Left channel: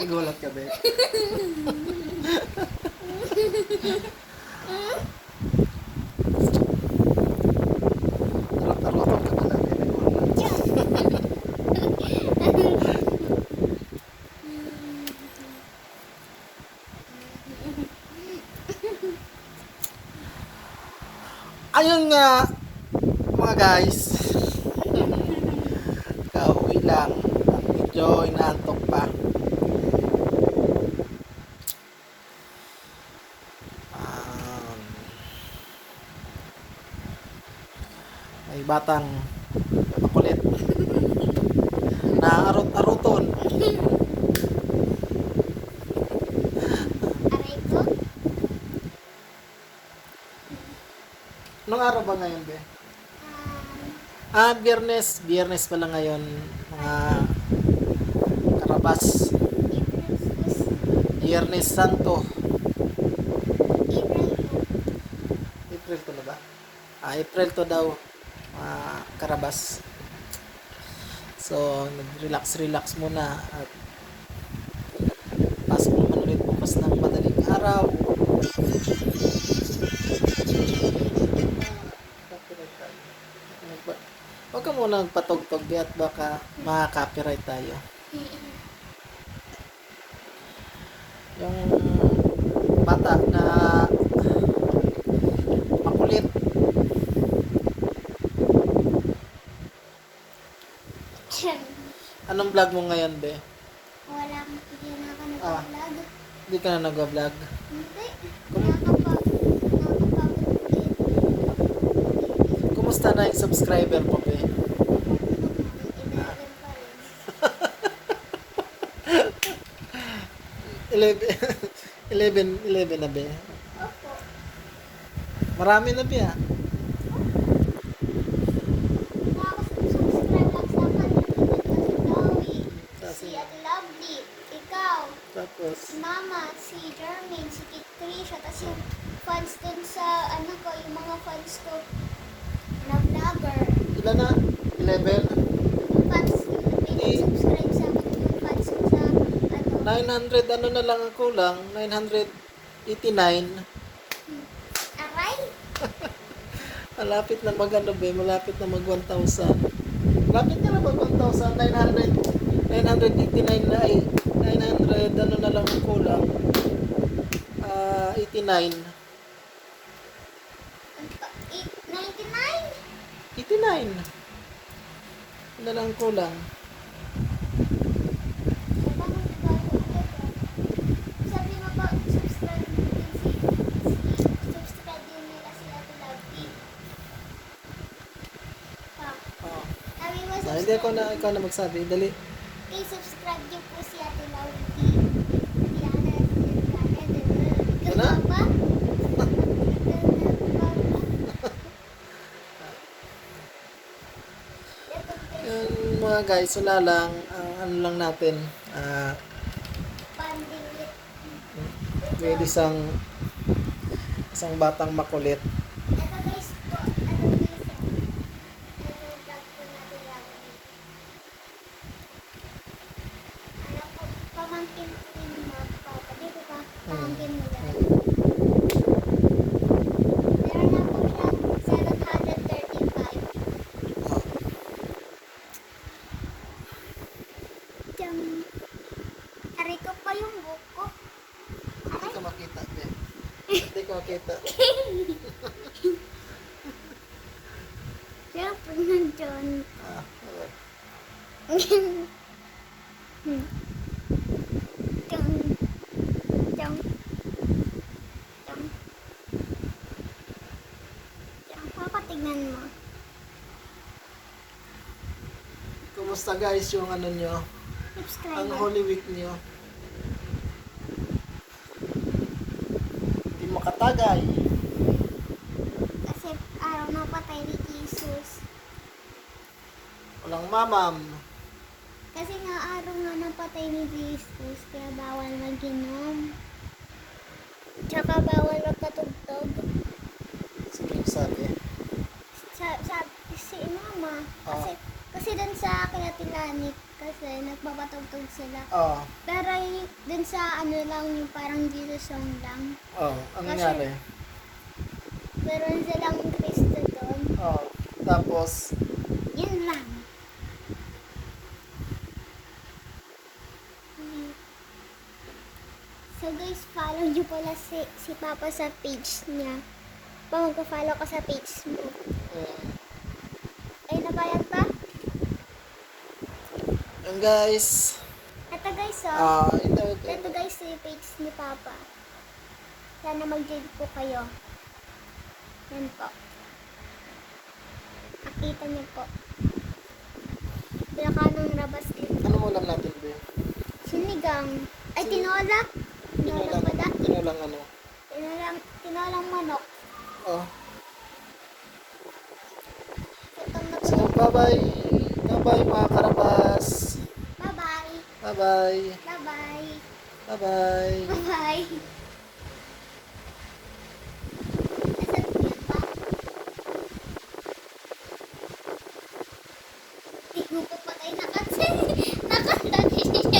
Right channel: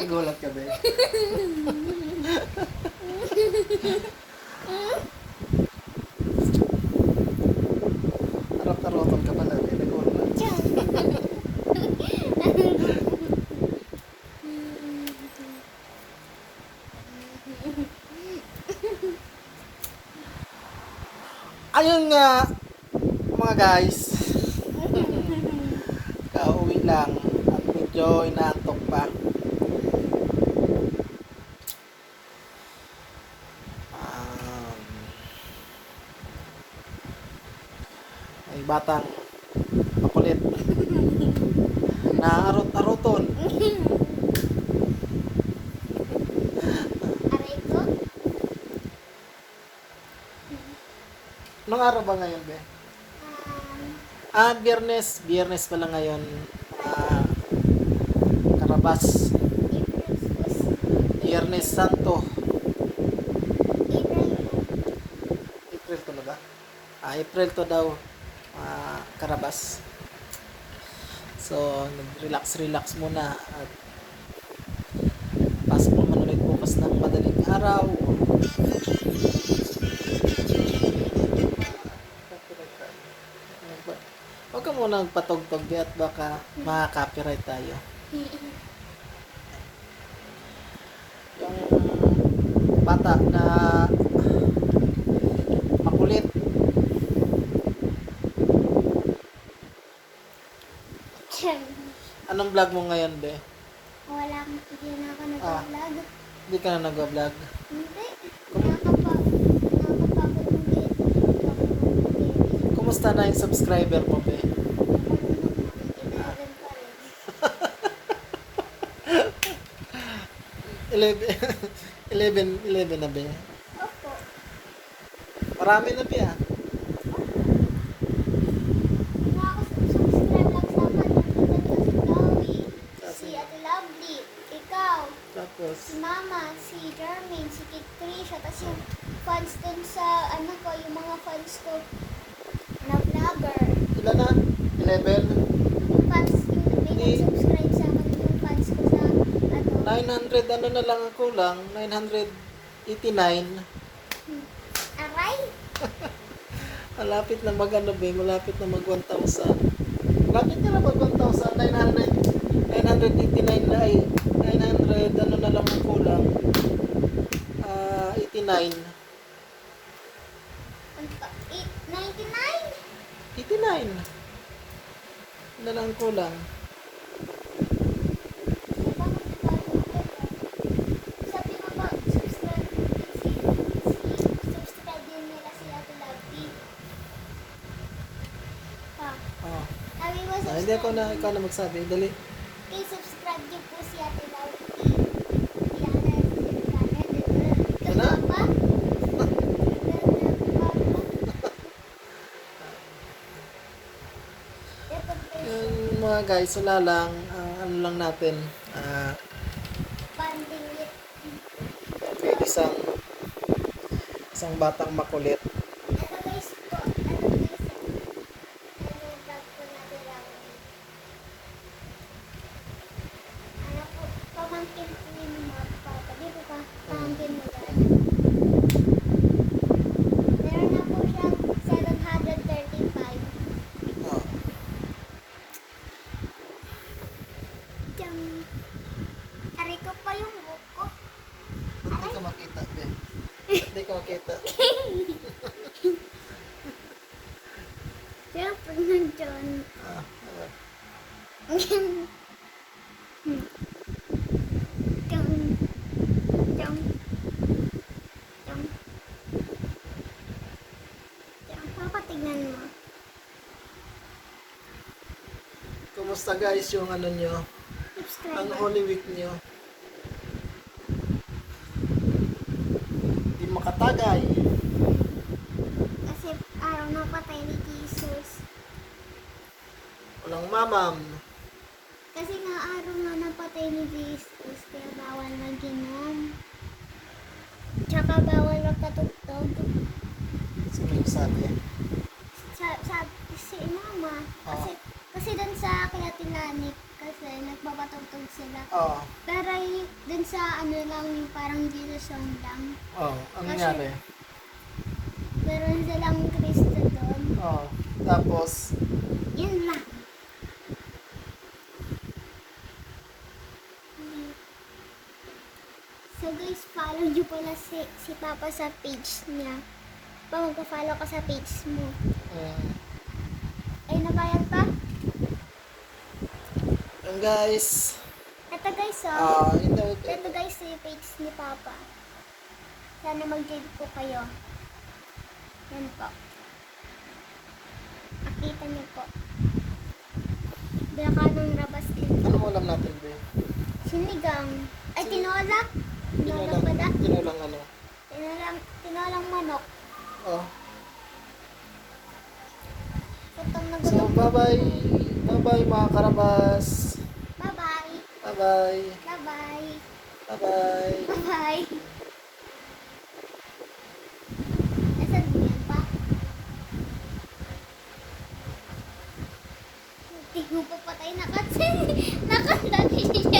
Nagulat ka, be. Harap-harap ka pala, be. Nagulat. Ayun nga, mga guys. Kauwi lang. At medyo inaantok pa. Ay batang makulit. Naarot-aroton. Aray ko? Anong araw ba ngayon, be? Biyernes. Biyernes pala ngayon. Mga karabas. Biyernes Santo. April to na ba? April to daw. Mga karabas. So, nag-relax muna. At pasok naman ulit bukas ng madaling araw. Huwag ka muna magpatog-tog di at baka makaka-copyright tayo. Yung bata na makulit. Anong vlog mo ngayon, be? Wala akong hindi na ako nag-vlog. Hindi ka na nag-vlog. Hindi. Kumusta na yung subscriber mo, be? 11 na, be. Opo. Marami na, be, ah. Nakaka-subscribe lang sa akin. Si Chloe, si Ate Lovely, ikaw, Tapos, si Mama, si Jermaine, si Kit Krisha, tapos yung fans din sa, ano ko, yung mga fans ko na vlogger. ilan na? 11? Yung fans, may nag-subscribe sa akin yung fans ko sa, ano, 900, ano na lang ang kulang? 989. aray? Malapit na mag-ano, be? Malapit na mag 1,000. Malapit na mag 1,000. 989 na ay 900, ano na lang ang kulang? 89. 99? 89. Ano na lang ang kulang? Sabi mo ba, subscribe din nila si Ate Lovely. Pa, Oh. sabi mo Hindi ako na, ikaw na magsabi. Dali. kay subscribe niyo po si Ate Lovely. Diana Silvana. Ano? Pa? Yung mga guys, wala lang. Ano lang natin. Banding May isang batang makulit. ito guys po. Ano guys? Ano vlog ko na kailangan. Ano po, pamangkin ko yung mga papa. Di ba pamangkin mo lang? Meron na po siya 735. Oh. Diyang, aray ko pa yung buko. Hindi ka makita, be. Hindi ka makita. Kaya pag nandyan. Ah, Diyang, diyang, diyang, diyang, papatignan mo. kumusta guys yung ano nyo? Ang Subscribe. Holy Week nyo? Hindi makatagay. Kasi araw na patay ni Jesus. Walang mamam. Kasi nga araw na napatay ni Jesus, kaya bawal mag-inom. Tsaka bawal magpatugtog. Sino yung sabi? Si mama. Oo. Kasi dun sa Kalatinganit, Kasi nagpapatugtog sila. Oo. Pero dun sa ano lang, parang Jesus song lang. Oo. Ang Kasi- nangyari? Meron silang Kristo doon. Oo. Tapos, Yun lang. So guys, follow niyo pala si Papa sa page niya. Pa, magpa-follow ka sa page mo. Ay, nabayad pa? and guys, Ito guys, oh. ito. Ito guys, yung page ni Papa. Sana mag-join po kayo. Yan po. Nakita niyo po. Baka ng rabas din. Anong ulam natin, Be? Sinigang. Ay, tinola. Tinola pala. Tinulang ano? Tinolang manok. Oh. Gutom na So, gutom. bye-bye. Bye-bye mga karabas. Bye-bye. Bye-bye. Bye-bye. Bye-bye. Bye-bye. Nasaan niya pa? Hindi mo pa patay na kasi. Nakatay.